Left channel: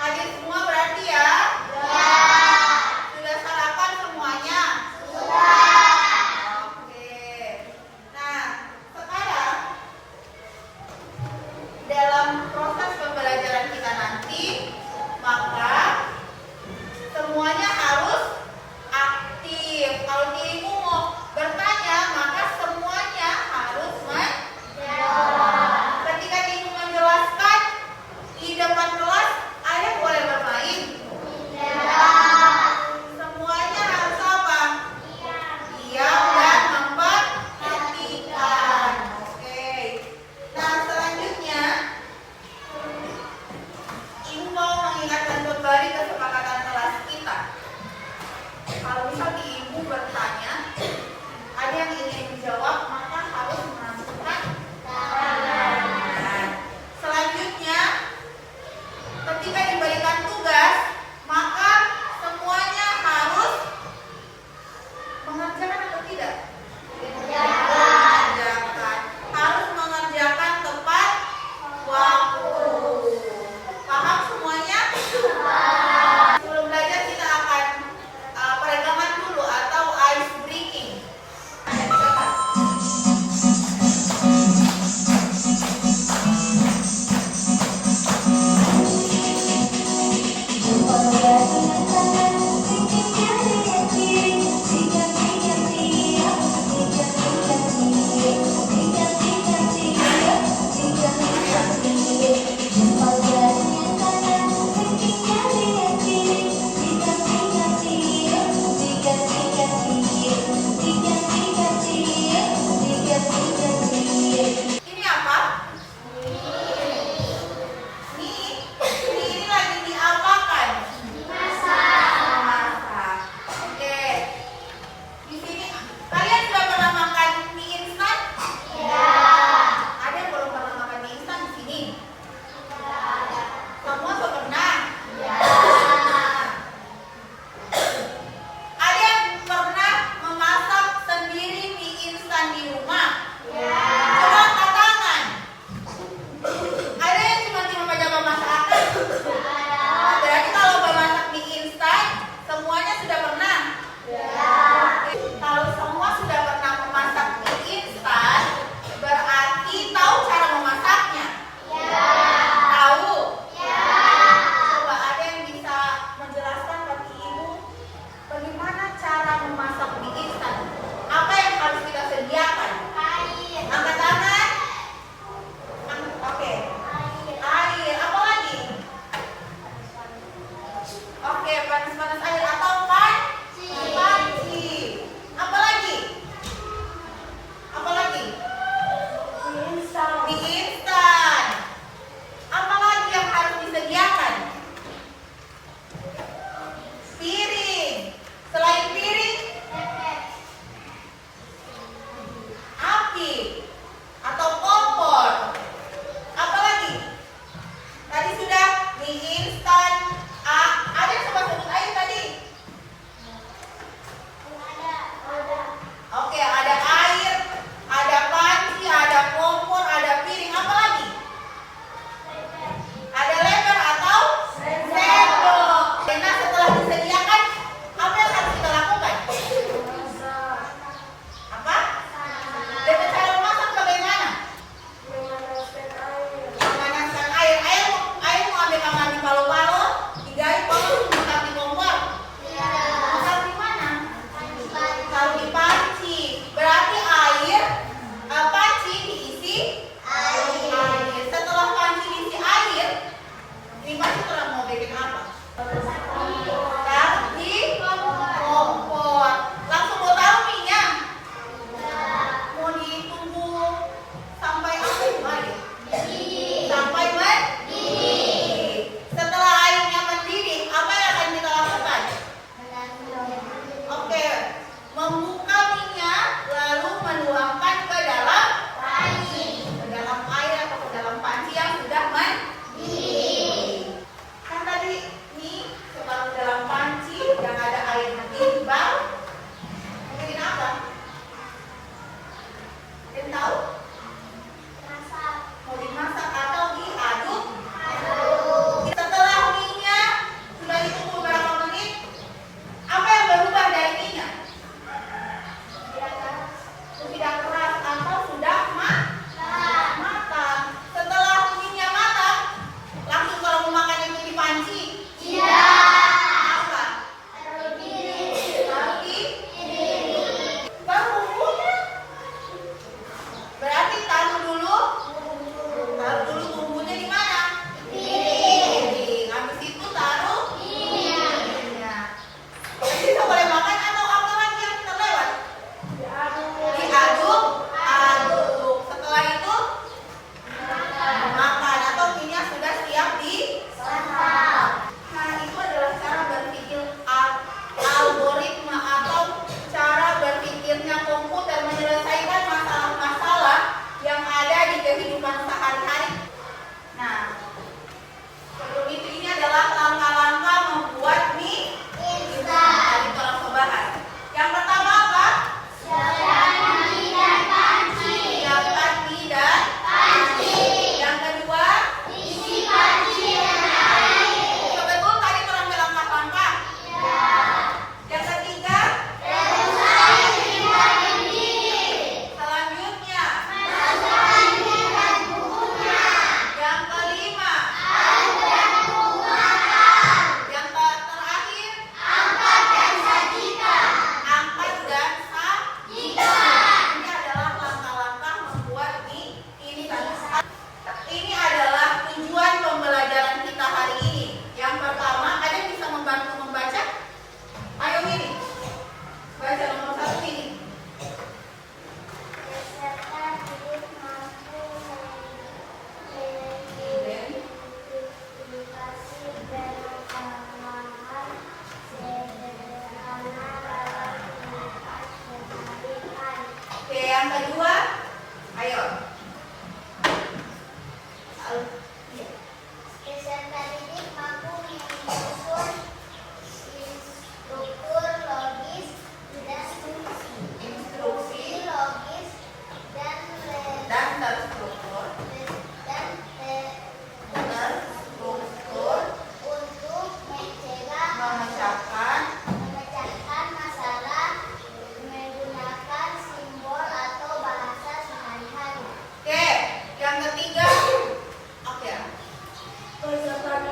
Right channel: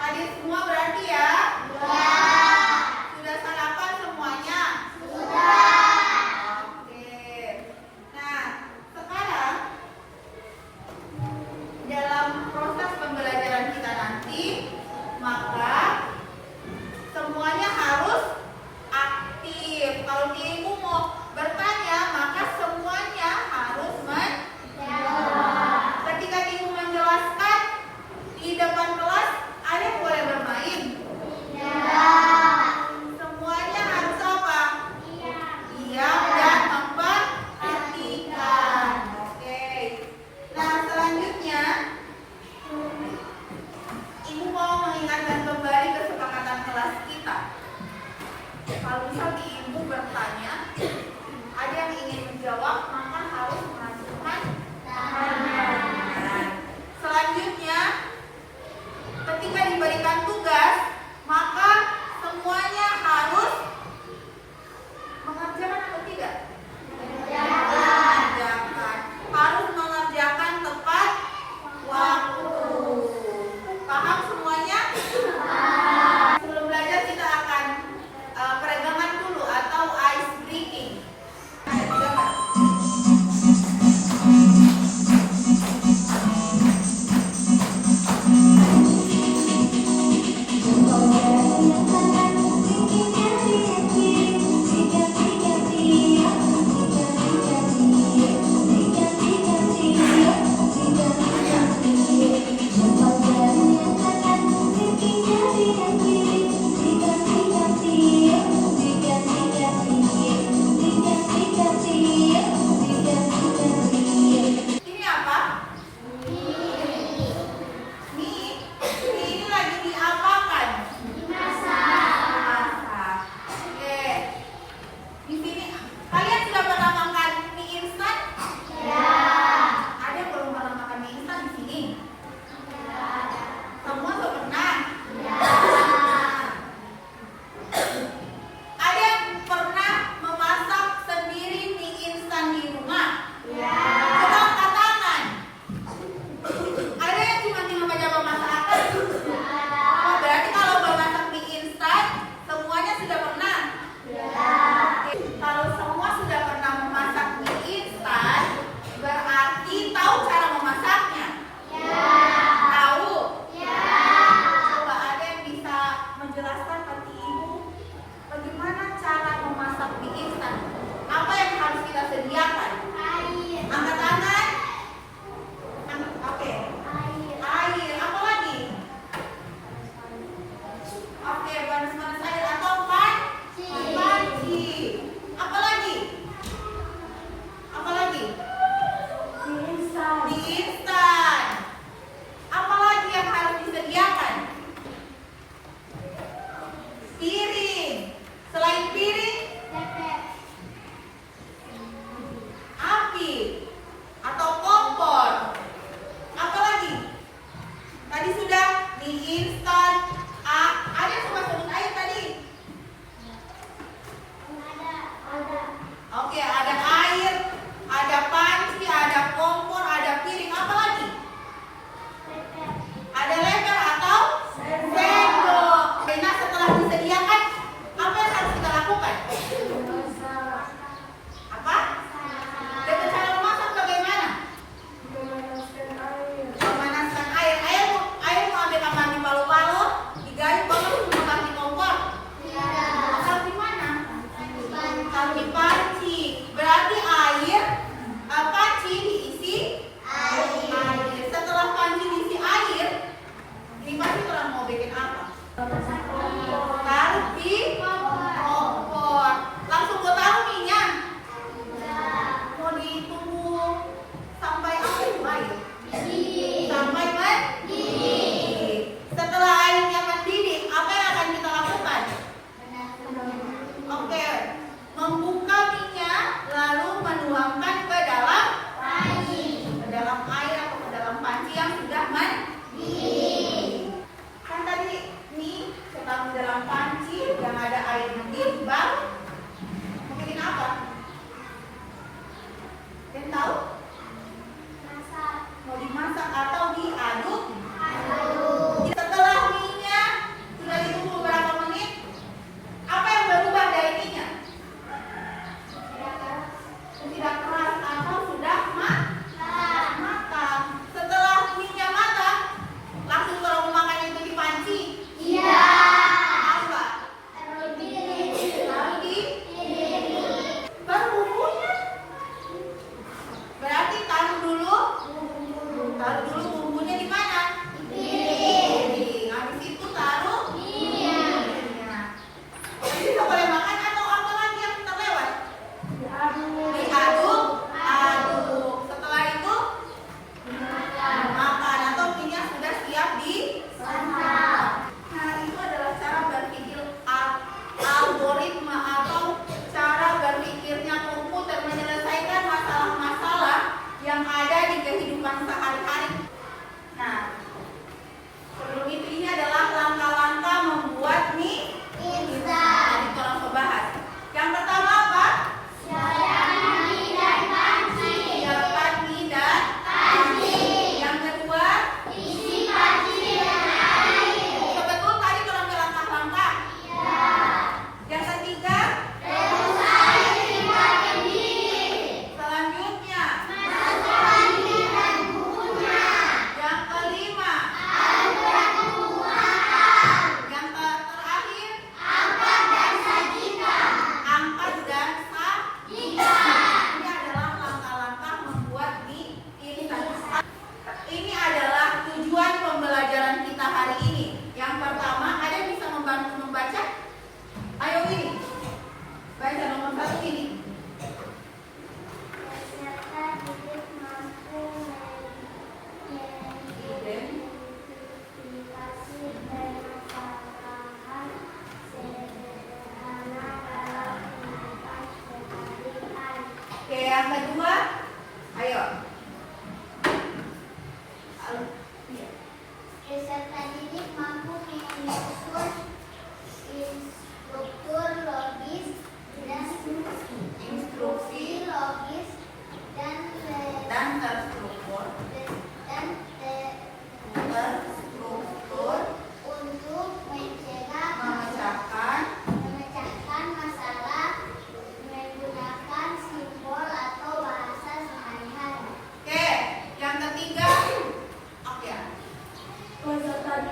Hadir semua berarti ya? Sudah sarapan semuanya? Oke. Nah, sekarang dalam proses pembelajaran kita nanti, maka semuanya harus aktif. Kalau dirimu mau bertanya, maka semuanya harus menjawab. Ketika dirimu menjelaskan di depan kelas, ada yang boleh bermain? Semuanya harus apa? Diam dan memperhatikan. Oke. Nah, selanjutnya Ibu mau mengingatkan kembali kesepakatan kelas kita. Kalau misal di Ibu bertanya, ada yang ingin menjawab, maka harus menunjukkan tangan. Selanjutnya, ketika diberikan tugas, maka semuanya harus mengerjakan atau tidak? Mengerjakan. Harus mengerjakan tepat waktu. Paham semuanya? Sebelum belajar kita akan peregangan dulu atau ice breaking. Ini apa? Mie. Ini lagi diapakan? Masak. Oke. Di sini kalian sudah pernah makan mie instan? Ada yang belum pernah makan mie instan di sini? Semua sudah pernah? Ada yang pernah memasak sendiri mie instan di rumah? Coba angkat tangan. Ada yang cuma baca pemasakan? Oh, berarti kalau memasak mie instan, semuanya sudah pernah? Kalau semua sudah pernah memasak mie instan, berarti tahu cara memasaknya? Tahu? Coba ada yang bisa menjelaskan bagi Ibu bagaimana cara memasak mie instan? Apa yang harus kita sediakan? Angkat tangan. Oke. Air. Apa lagi?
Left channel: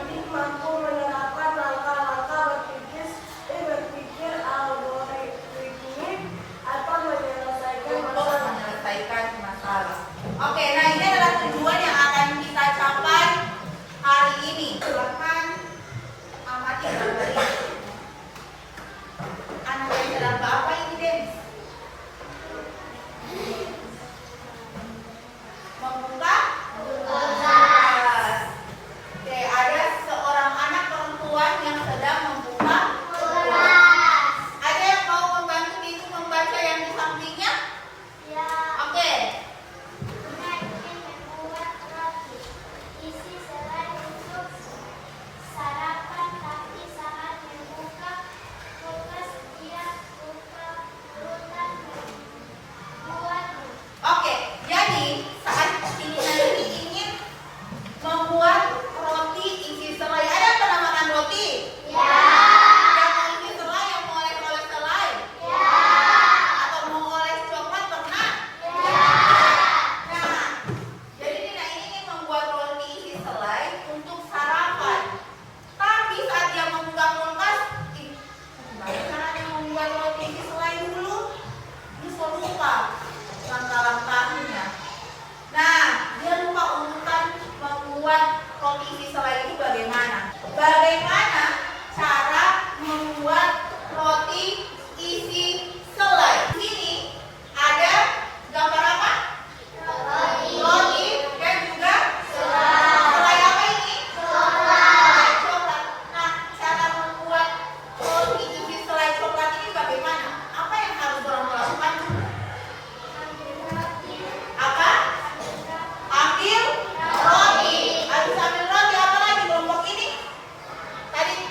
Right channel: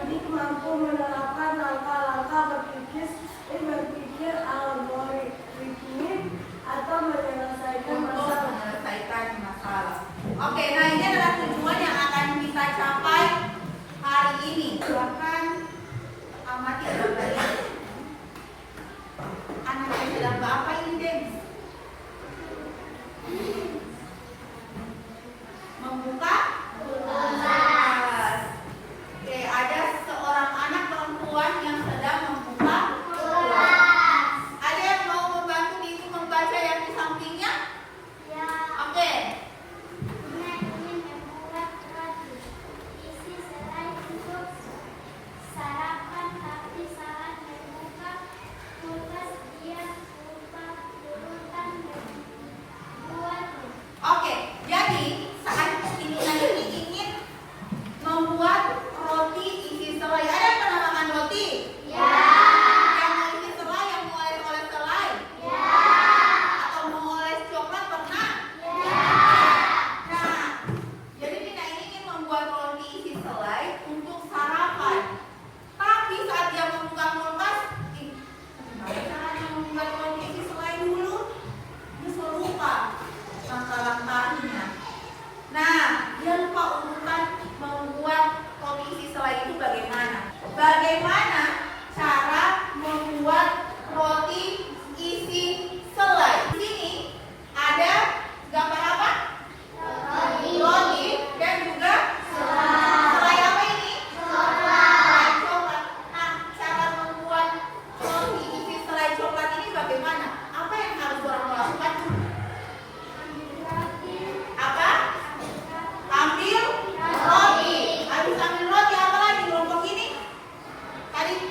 cerdik mampu menerapkan langkah-langkah berpikir algoritmik atau menyelesaikan masalah. Oke, nah ini adalah tujuan yang akan kita capai hari ini. Silakan amati anak-anak. Anaknya adalah Bapak ini, Debbie. Membuka? Oke, ada seorang anak perempuan yang sedang membuka kelas. Ada yang mau membantu ibu membaca yang di sampingnya? Ya. Oke. Anak ingin membuat roti. Isi selai untuk sarapan, tapi saat membuka kulkas dia lupa urutan membuat. Oke, jadi saat ini ingin membuat roti isi selai. Ada yang pernah makan roti? Ya. Yang mau isi selai, yang mau oles selai? Ya. Atau mau oles coklat pernah? Ya. Nah, jadi Nina ini ingin membuat roti isi selai untuk sarapan. Tapi saat dia membuka kulkas, gimana caranya membuat roti isi selai dulu? Dia lupa langkah-langkahnya. Nah, dia lupa urutan membuat roti isi selai itu bagaimana? Bagaimana cara membuat roti isi selai? Di sini ada gambar apa? Roti dan juga selai apa ini? Selai coklat. Nah, cara membuat roti isi selai coklat ini bagaimana? Apa yang harus orang lakukan? Apa? Ambil roti. Habis ambil roti apa lagi kelompok ini? Tadi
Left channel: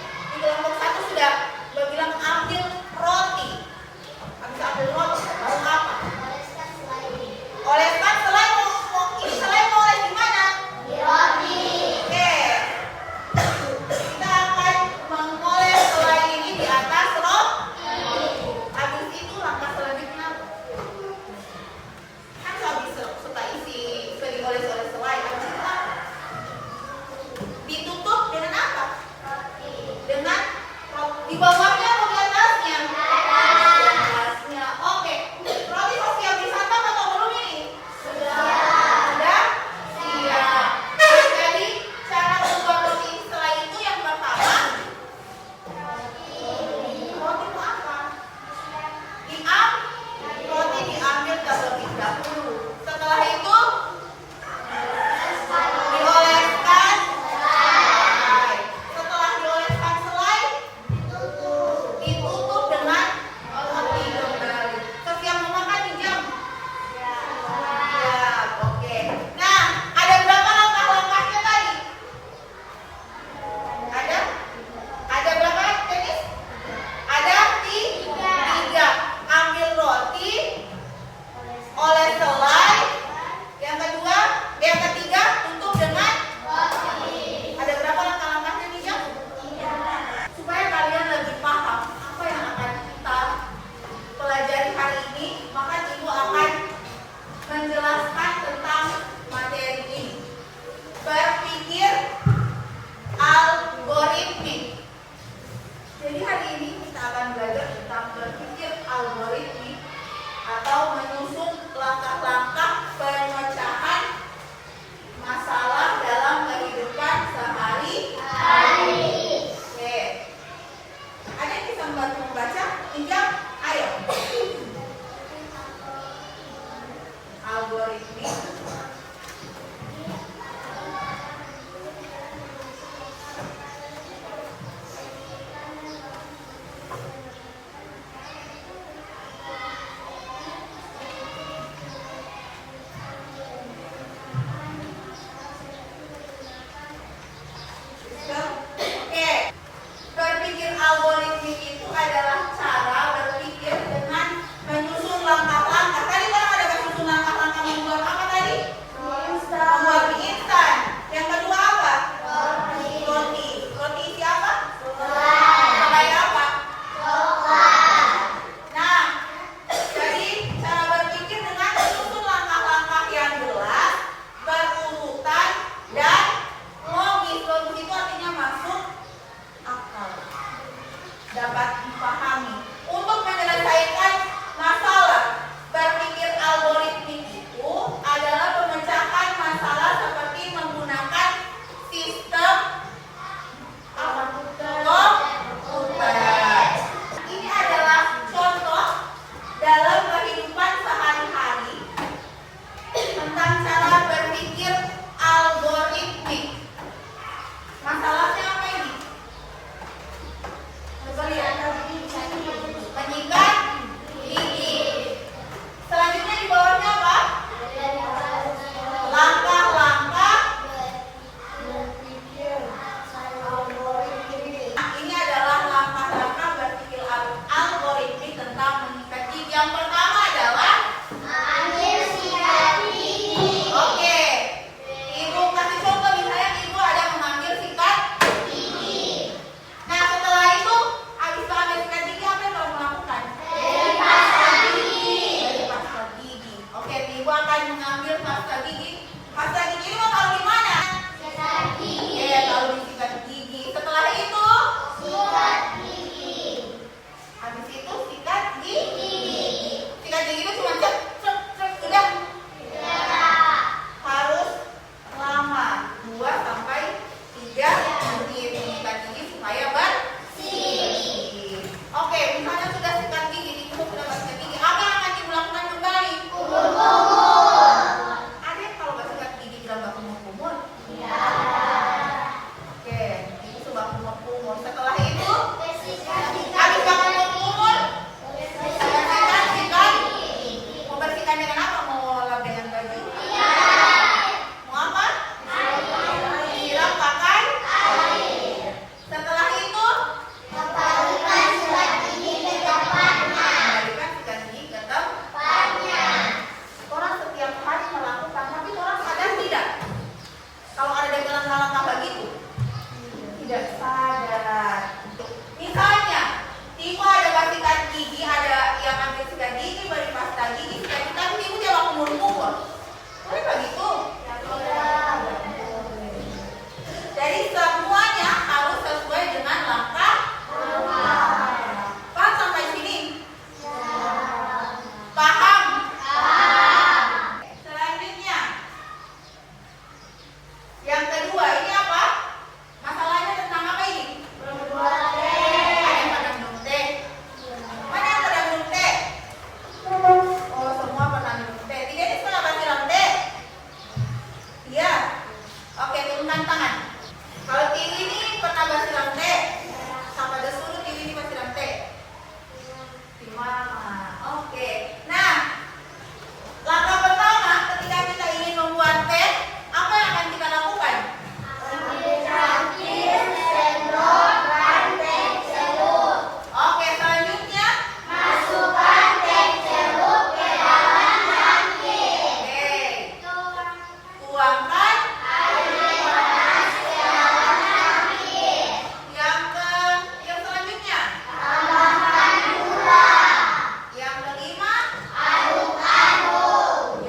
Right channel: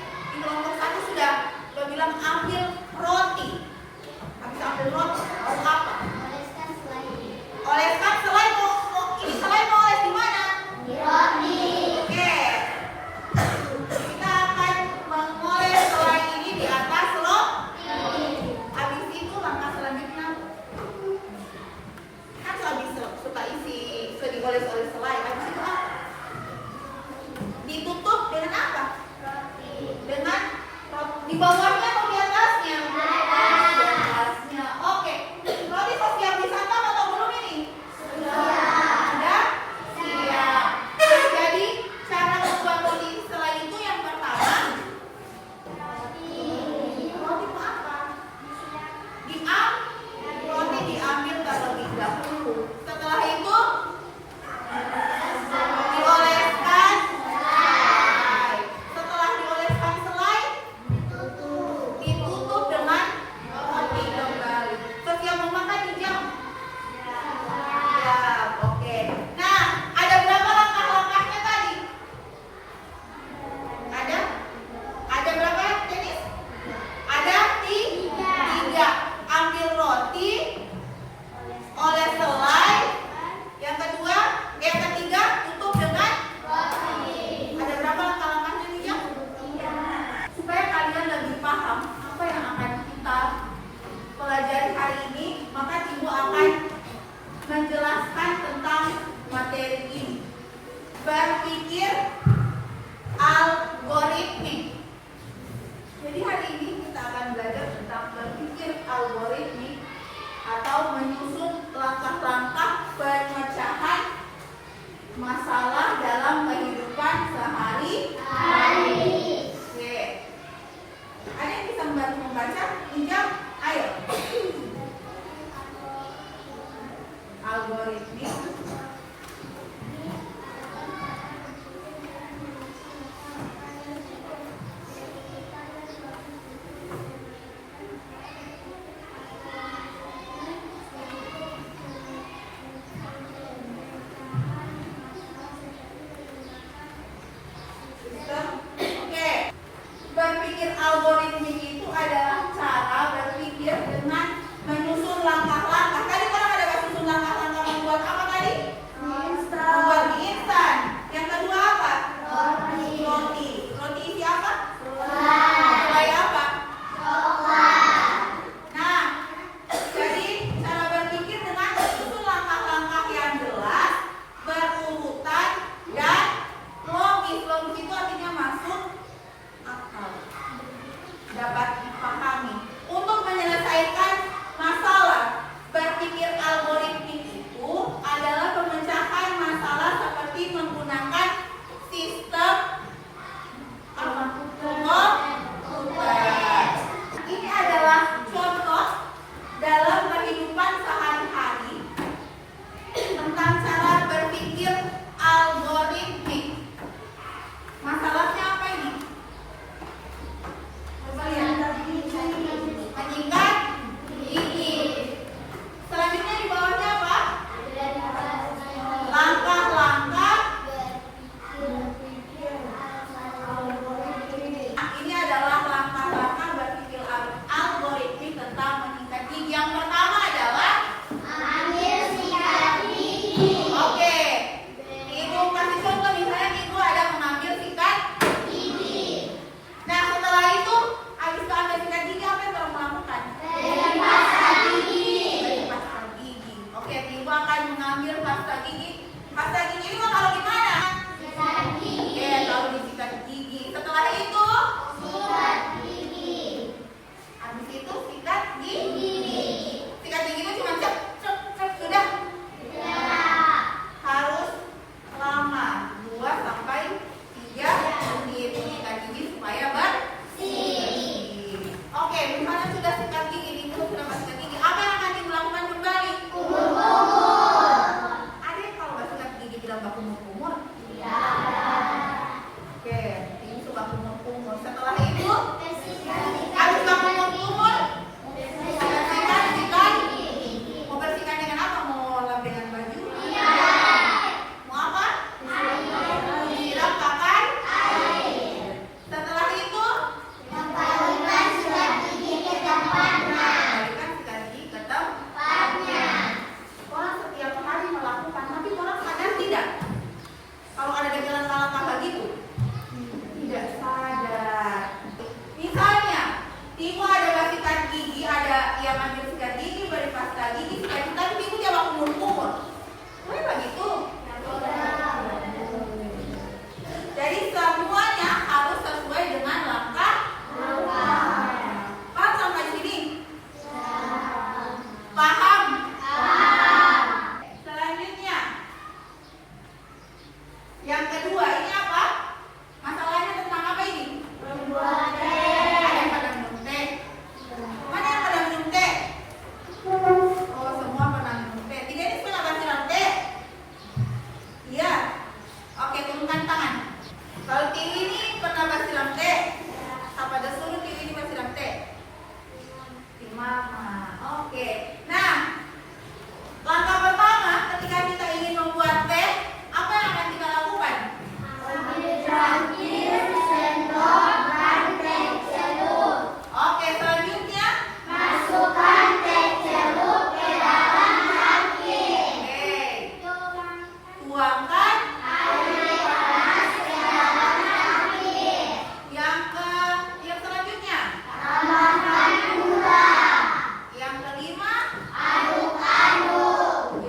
Setelah itu, habis kamu kumur, bersihkan sikat. Mau bersihkan dengan apa? Mau lap dengan baju? Mau apa? Siram pakai air. Setelah itu, kembalikan sikat gigi ke tempatnya. Orang setiap hari melakukan, tapi orang sadar tidak? Kalau ada dagelan langkah begitu, tidak sadar. Misalnya, Timo ada sikat gigi, ada yang ambil sikat gigi, beri pasta gigi, sikat gigi, tapi Timo jangan kumur-kumur. Boleh begitu? Jadi semuanya harus sesuai dengan langkah. Paham sampai sini? Paham? Selanjutnya, yang kedua ini apa? Masalahnya tentang apa ini? Ada yang pada minum teh? Mana yang pada minum teh? Oh, semua pernah minum teh. Tidak ini pernah siram teh? Iya. Oke, turunkan tangan. Kalau Tiwi ini pernah siram teh? Siapa ada suruh Tiwi ini siram teh? Mama. Oke. Nah, langkah pertama ketika kita ingin membuat teh, apa yang akan kita lakukan? Oke, selanjutnya masukkan teh celup ke dalam cangkir. Oke. Tuangkan air panas ke dalam cangkir. Yang selanjutnya tambahkan gula. Yang kelima aduk-aduk.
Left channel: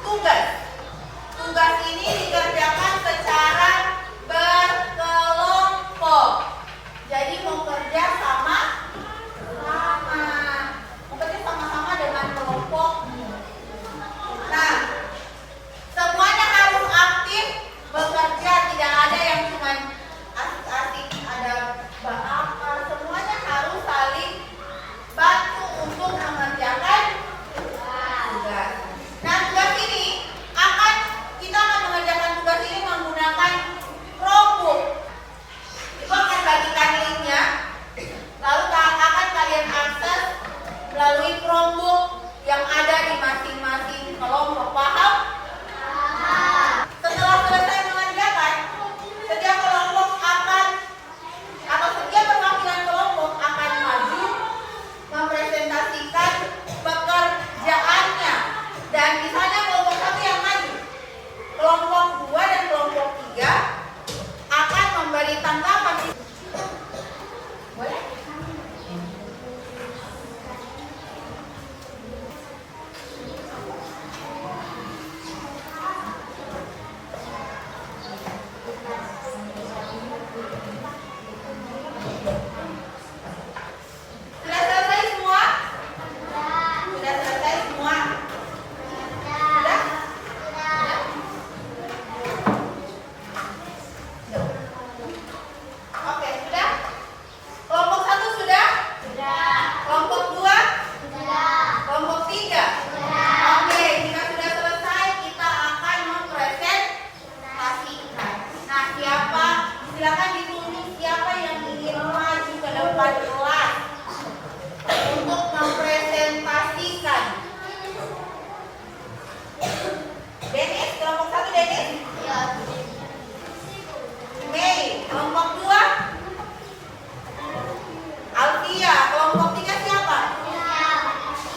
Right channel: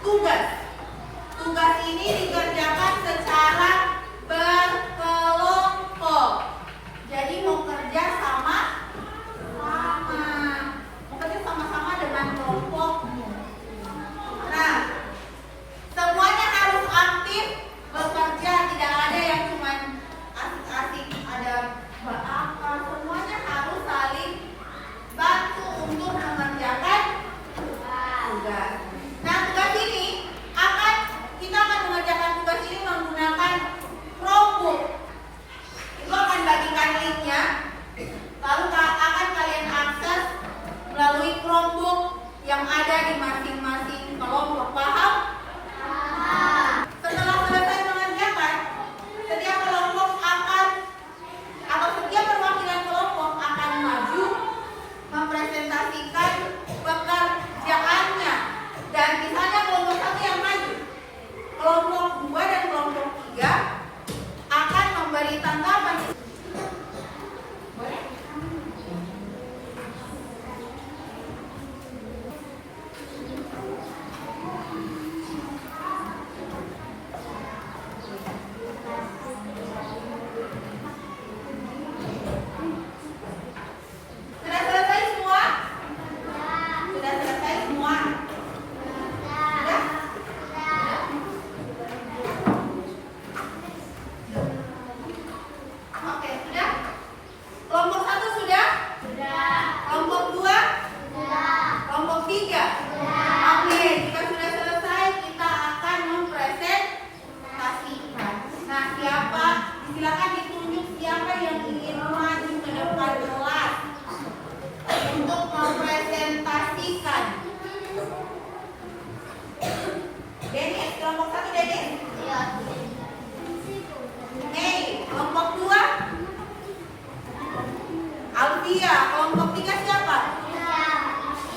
tugas. Tugas ini dikerjakan secara berkelompok. Jadi mau kerja sama-sama. Kerja sama-sama dengan kelompokmu. Nah, semuanya harus aktif bekerja. Tidak ada yang cuma asik-asik ada apa. Semuanya harus saling bantu untuk mengerjakan tugas. Nah, tugas ini kita akan mengerjakan tugas ini menggunakan Chromebook. Ibu akan bagikan linknya, lalu akan kalian akses melalui Chromebook yang ada di masing-masing kelompok. Paham? Setelah selesai mengerjakan, setiap kelompok atau setiap perwakilan kelompok akan maju mempresentasikan pekerjaannya. Dan misalnya kelompok 1 yang maju, kelompok 2 dan kelompok 3 akan memberi tanggapan. Boleh? Sudah selesai semua? Sudah selesai semua? Sudah? Oke, sudah? Kelompok 1 sudah? Kelompok 2? Kelompok 3? Oke, jika sudah selesai kita akan mempresentasikan. Nah, silakan ditunjuk siapa yang ingin maju ke depan kelas untuk mempresentasikan. Dennis, kelompok 1 Dennis? Oke, kelompok 2? Alfia, kelompok 3 siapa?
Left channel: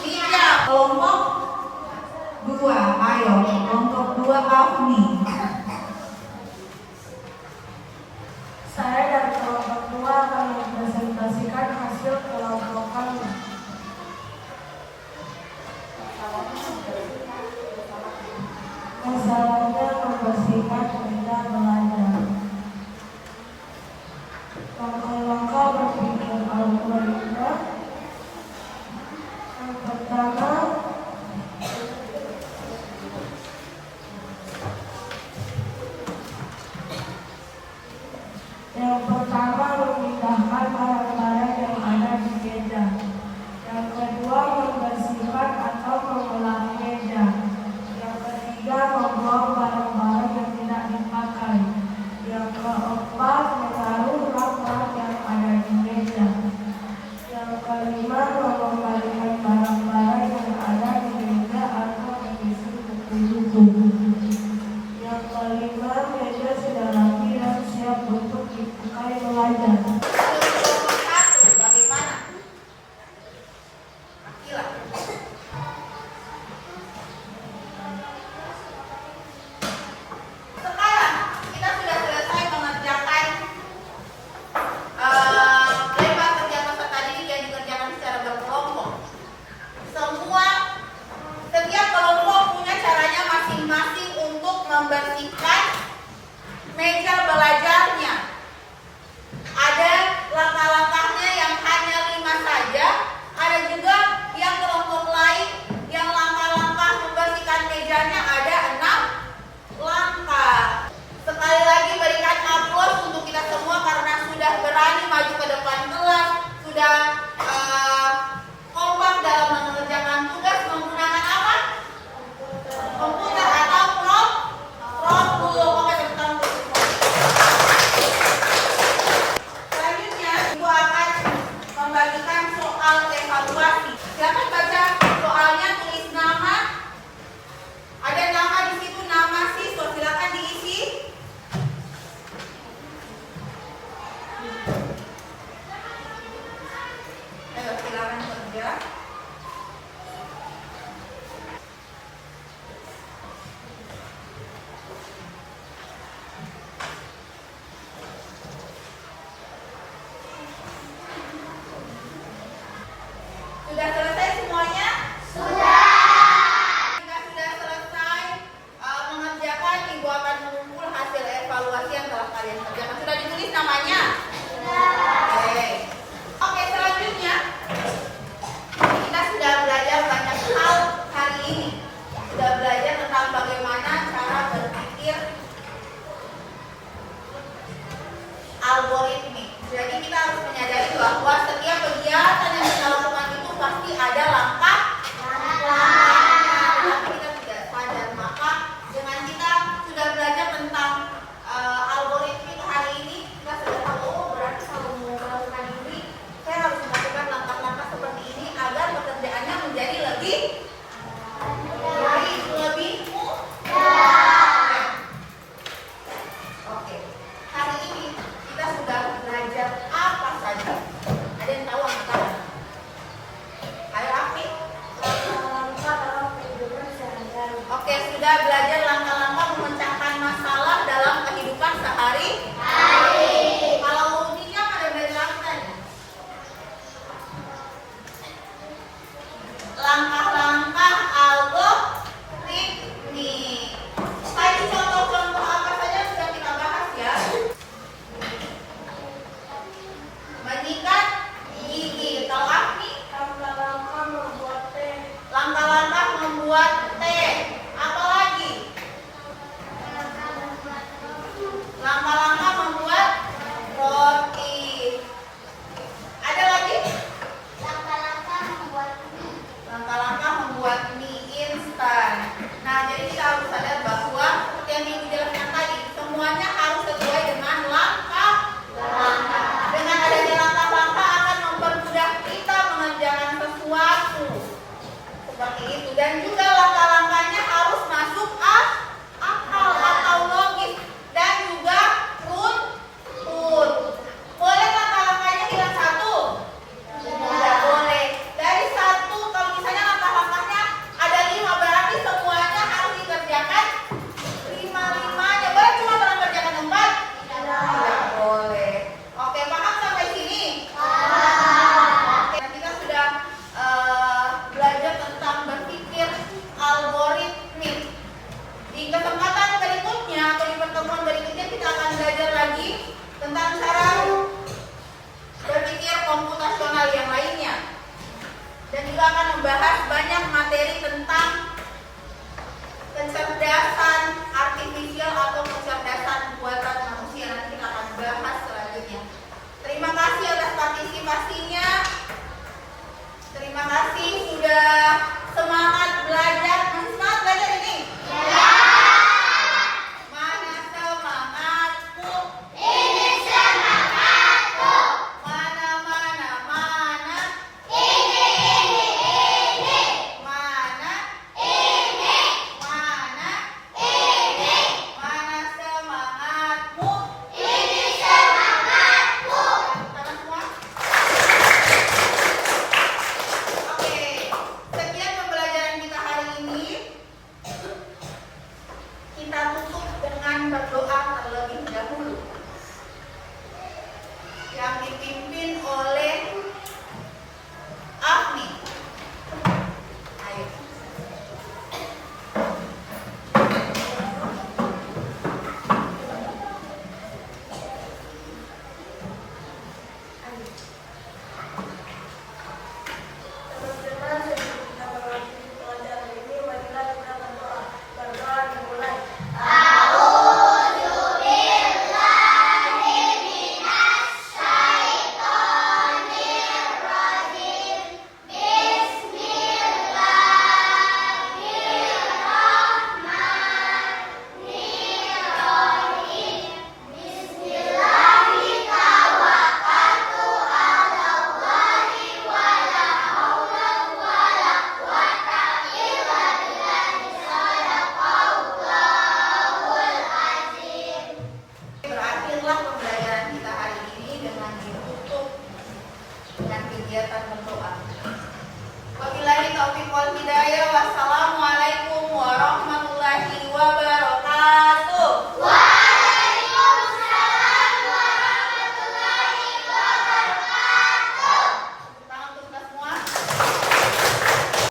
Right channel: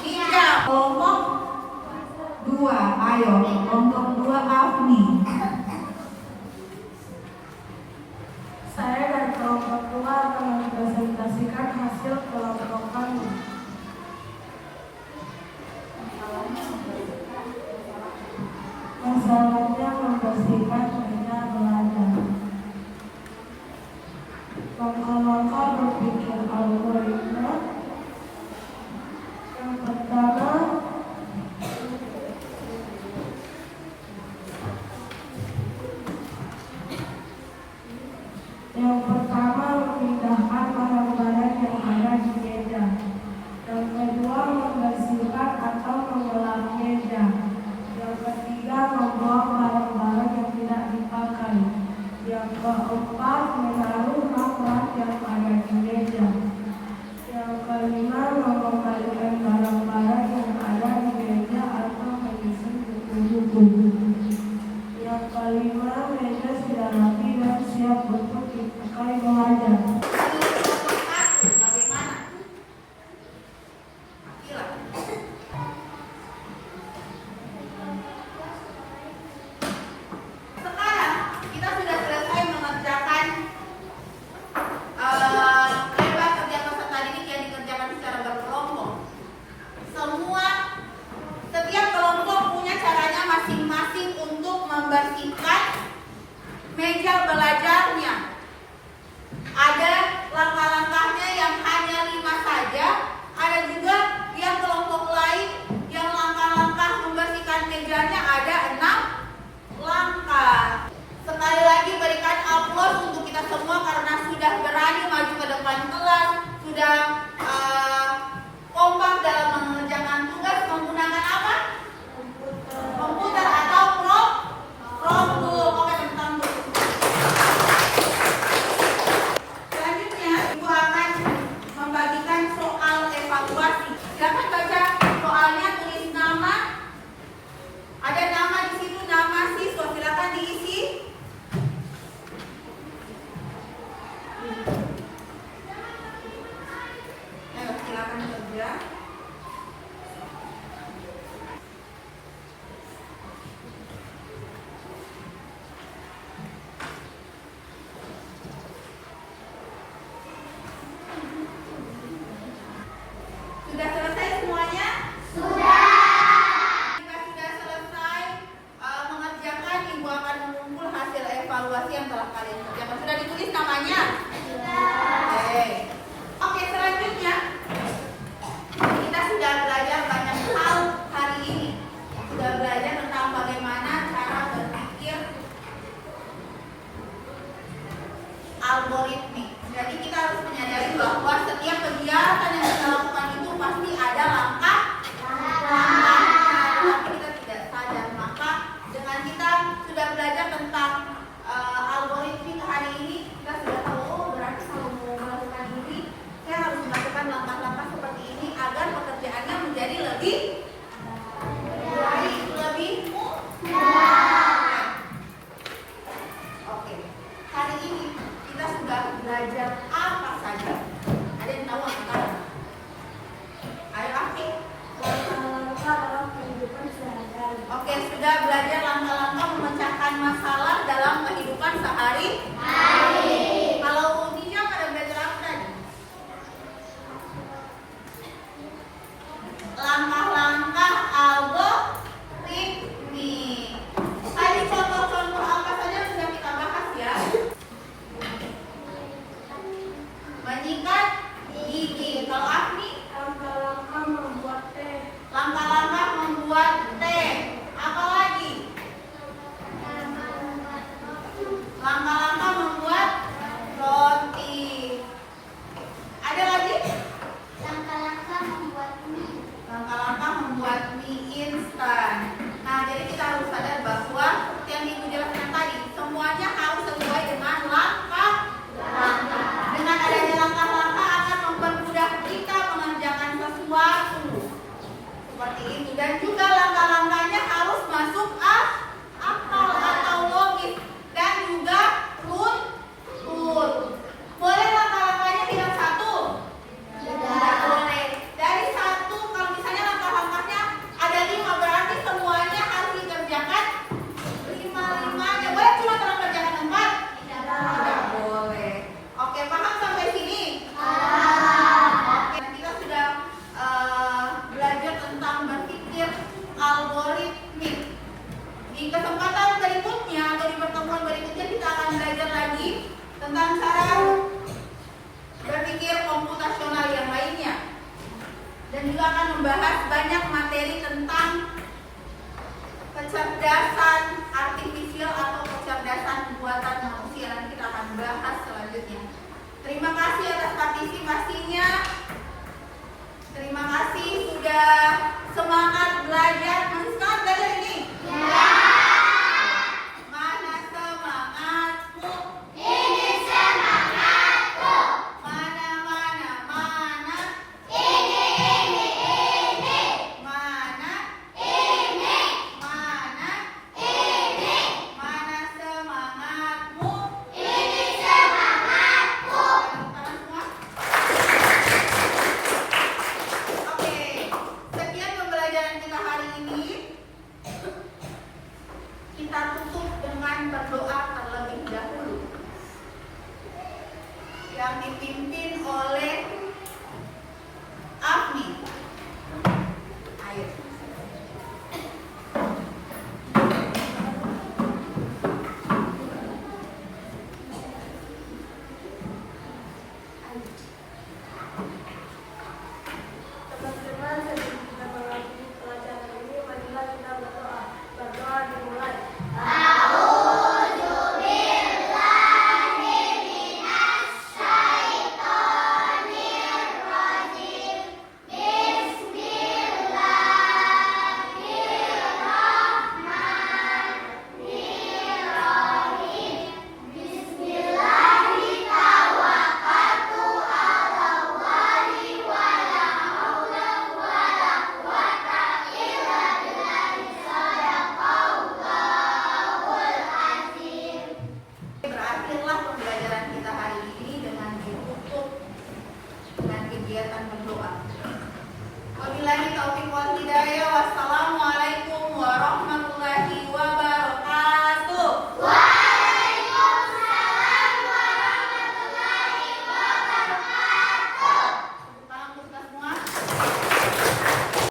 Ija, kelompok 2, ayo, kelompok 2 Afni. Saya dan kelompok 2 akan mempresentasikan hasil kelompok kami. Masalahnya membersihkan meja belajar. Langkah-langkah berpikir algoritma. Yang pertama, memindahkan barang-barang yang ada di meja. lebih baik, lebih mudah. Oke, hari ini kita sudah belajar apa saja? Ada yang tahu apa? Ayo Afi. Langkah-langkah dalam kehidupan sehari-hari. Oke, sudah belajar langkah-langkah memecahkan masalah dalam kehidupan sehari. Kalau uninya pada belajar apa tadi? Langkah-langkah algoritmik. Tadi contoh-contoh apa saja sudah kita bahas ya? Menyikat gigi. Kalau Afni, Langkah-langkah membuat teh. langkah-langkah membuat teh. Apa lagi? Langkah-langkah membuat roti. Ada lagi? Langkah-langkah membuat mie. Langkah-langkah membuat mie instan. Nah, jadi kita harus sadar bahwa seperti yang Ibu jelaskan tadi, semuanya harus sesuai dengan langkah-langkah. Dengan adanya langkah-langkah akan mempermudah kita mengerjakan sesuatu. Seperti itu. Dan juga langkah-langkahnya harus masuk akal atau logis dan juga runtut. Boleh langkah-langkahnya hilang satu? Tidak boleh. Dari satu, kalau misalnya langkah-langkahnya ada 5, berarti semuanya harus dikerjakan 5-5-nya. Boleh cuma kalau kerjakan 4? Tidak boleh. Oke, paham sampai sini? Oke, kita sudah belajar tentang berpikir algoritmik. Di kesempatan berikutnya atau di pertemuan berikutnya kita akan belajar lagi tentang cara berpikir komputasional yang lainnya. Dan juga akan membahas banyak materi tentang kecerdasan artifisial atau kecerdasan buatan manusia. Nanti kita akan bahas selanjutnya. Terima kasih atas partisipasinya. Terima kasih sudah semangat belajar. Semangat belajar ini? Mana semangatmu? Ini semangatku. Mana? Mana? Ini. Mana? Ini. Mana? Ini. Mana semangatmu? Ini semangatku. Tangan semua. Oke, sekian pembelajaran kita hari ini. Kita tutup dengan berdoa terlebih dahulu yang dipimpin oleh Afni. Ayo. Teman-teman, sebelum kita mengakhiri pelajaran ini, marilah kita berdoa. Berdoa dimulai. Berakhirlah pembelajaran kita hari ini dengan ditutup dengan kegiatan berdoa. Wabillahi taufiq wal